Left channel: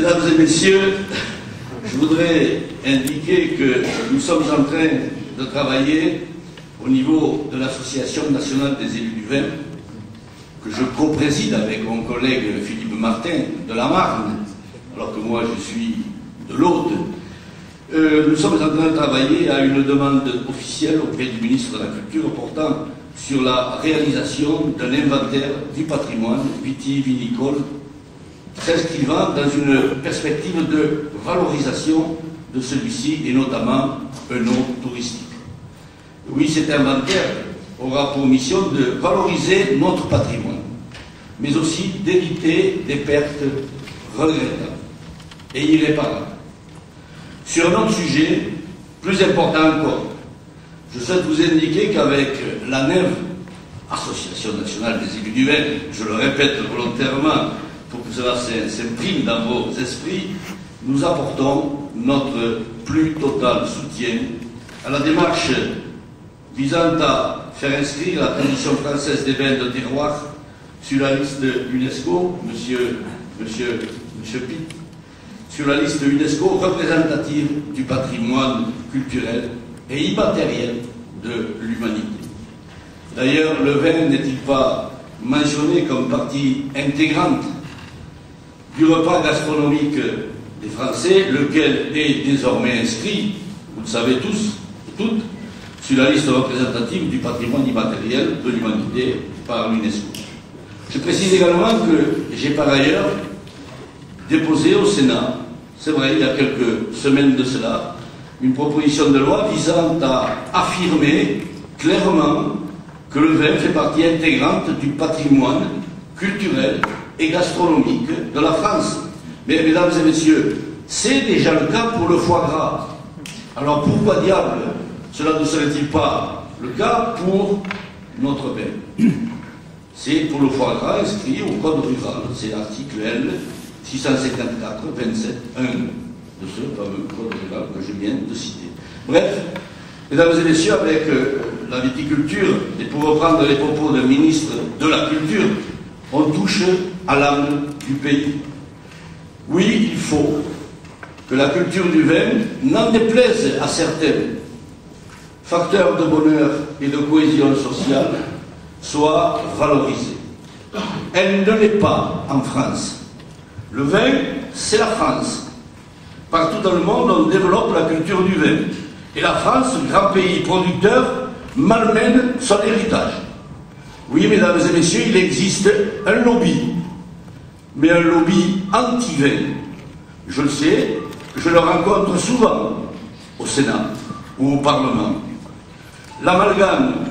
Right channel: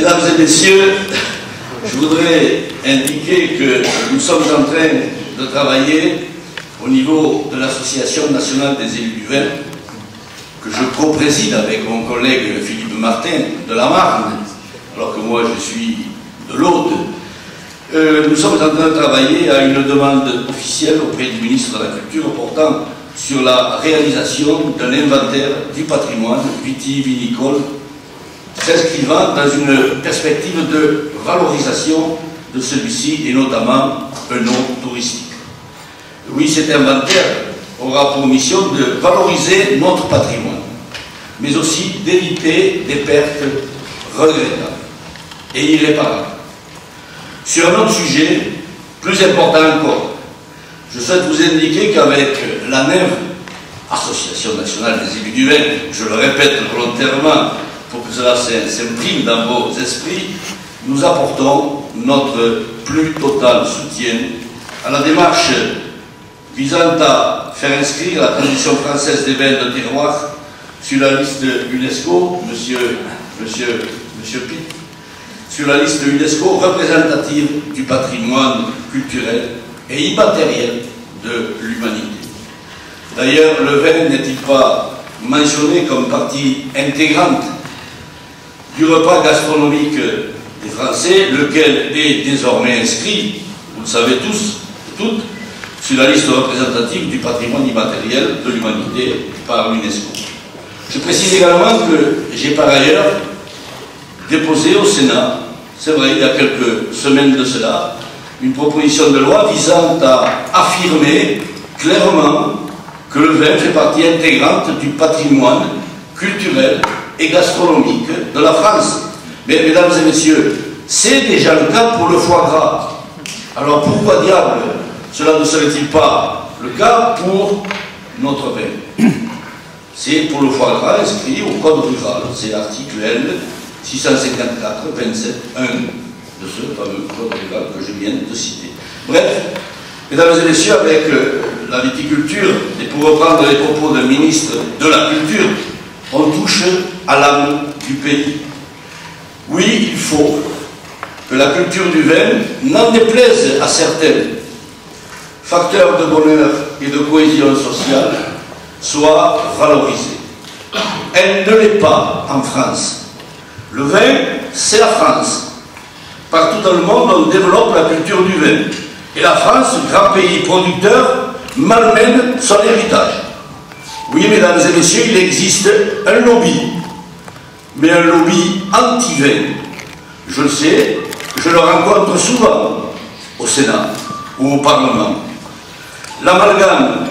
Mesdames et messieurs, je voudrais indiquer que nous sommes en train de travailler au niveau de l'Association nationale des élus du vin, que je co-préside avec mon collègue Philippe Martin de la Marne, alors que moi je suis de l'Aude. Nous sommes en train de travailler à une demande officielle auprès du ministre de la Culture portant sur la réalisation d'un inventaire du patrimoine vitivinicole s'inscrivant dans une perspective de valorisation de celui-ci et notamment un nom touristique. Oui, cet inventaire aura pour mission de valoriser notre patrimoine, mais aussi d'éviter des pertes regrettables et irréparables. Sur un autre sujet, plus important encore, je souhaite vous indiquer qu'avec la NEV, Association nationale des élus du vin, je le répète volontairement pour que cela s'imprime dans vos esprits, nous apportons notre plus total soutien à la démarche visant à faire inscrire la tradition française des vins de terroir sur la liste UNESCO, monsieur Pitt, sur la liste UNESCO représentative du patrimoine culturel et immatériel de l'humanité. D'ailleurs, le vin n'est-il pas mentionné comme partie intégrante du repas gastronomique des Français, lequel est désormais inscrit, vous le savez tous et toutes, sur la liste représentative du patrimoine immatériel de l'humanité par l'UNESCO. Je précise également que j'ai par ailleurs déposé au Sénat, c'est vrai, il y a quelques semaines de cela, une proposition de loi visant à affirmer clairement que le vin fait partie intégrante du patrimoine culturel et gastronomique de la France. Mais, mesdames et messieurs, c'est déjà le cas pour le foie gras. Alors pourquoi diable cela ne serait-il pas le cas pour notre vin? C'est pour le foie gras inscrit au code rural, c'est l'article L 654-27-1 de ce fameux code rural que je viens de citer. Bref, mesdames et messieurs, avec la viticulture, et pour reprendre les propos d'un ministre de la Culture, on touche à l'âme du pays. Oui, il faut que la culture du vin, n'en déplaise à certains, facteur de bonheur et de cohésion sociale, soit valorisée. Elle ne l'est pas en France. Le vin, c'est la France. Partout dans le monde, on développe la culture du vin. Et la France, grand pays producteur, malmène son héritage. Oui, mesdames et messieurs, il existe un lobby, mais un lobby anti-vin. Je le sais, je le rencontre souvent au Sénat ou au Parlement. L'amalgame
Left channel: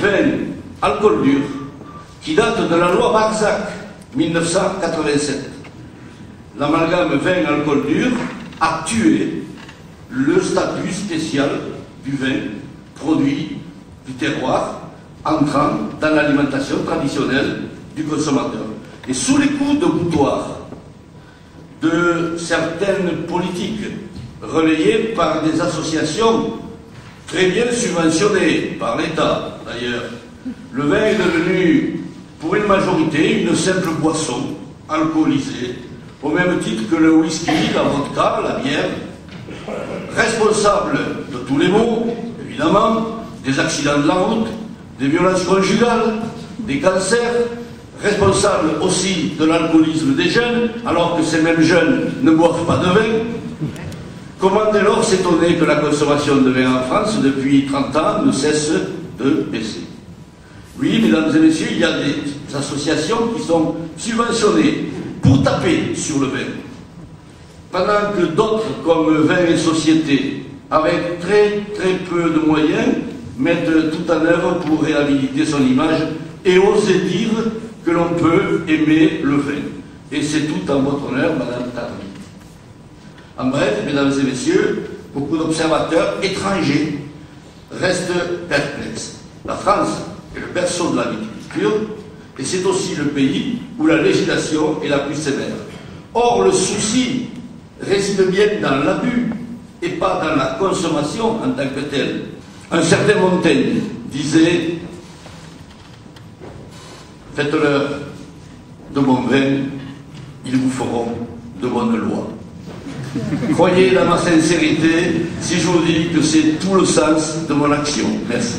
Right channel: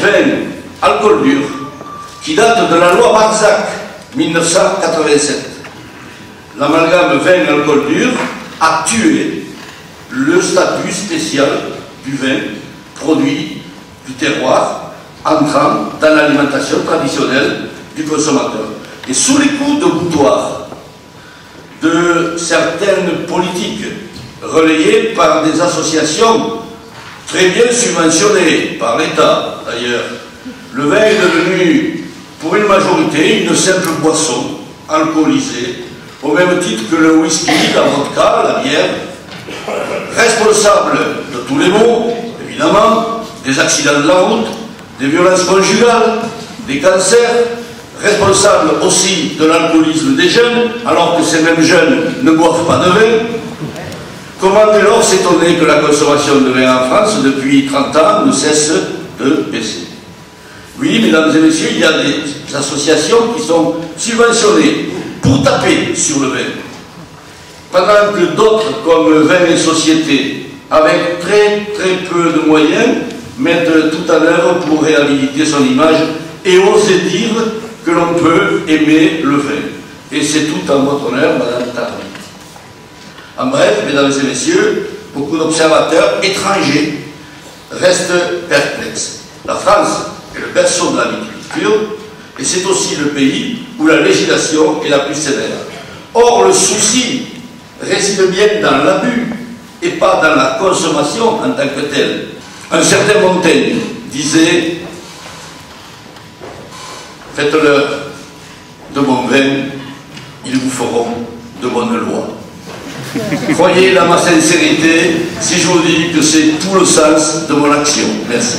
vin-alcool dur, qui date de la loi Barzac, 1987. L'amalgame vin-alcool dur a tué le statut spécial du vin produit du terroir, entrant dans l'alimentation traditionnelle du consommateur. Et sous les coups de boutoir de certaines politiques relayées par des associations très bien subventionnées par l'État d'ailleurs, le vin est devenu pour une majorité une simple boisson alcoolisée au même titre que le whisky, la vodka, la bière, responsable de tous les maux, évidemment, des accidents de la route, des violences conjugales, des cancers, responsable aussi de l'alcoolisme des jeunes, alors que ces mêmes jeunes ne boivent pas de vin. Comment dès lors s'étonner que la consommation de vin en France, depuis 30 ans, ne cesse de baisser? Oui, mesdames et messieurs, il y a des associations qui sont subventionnées pour taper sur le vin, pendant que d'autres, comme Vin et Société, avec très peu de moyens, mettent tout en œuvre pour réhabiliter son image et oser dire que l'on peut aimer le vin. Et c'est tout en votre honneur, Madame Tardy. En bref, mesdames et messieurs, beaucoup d'observateurs étrangers restent perplexes. La France est le berceau de la viticulture et c'est aussi le pays où la législation est la plus sévère. Or, le souci réside bien dans l'abus et pas dans la consommation en tant que telle. Un certain Montaigne disait « Faites-leur de bon vin, ils vous feront de bonne loi. Croyez à ma sincérité si je vous dis que c'est tout le sens de mon action. Merci.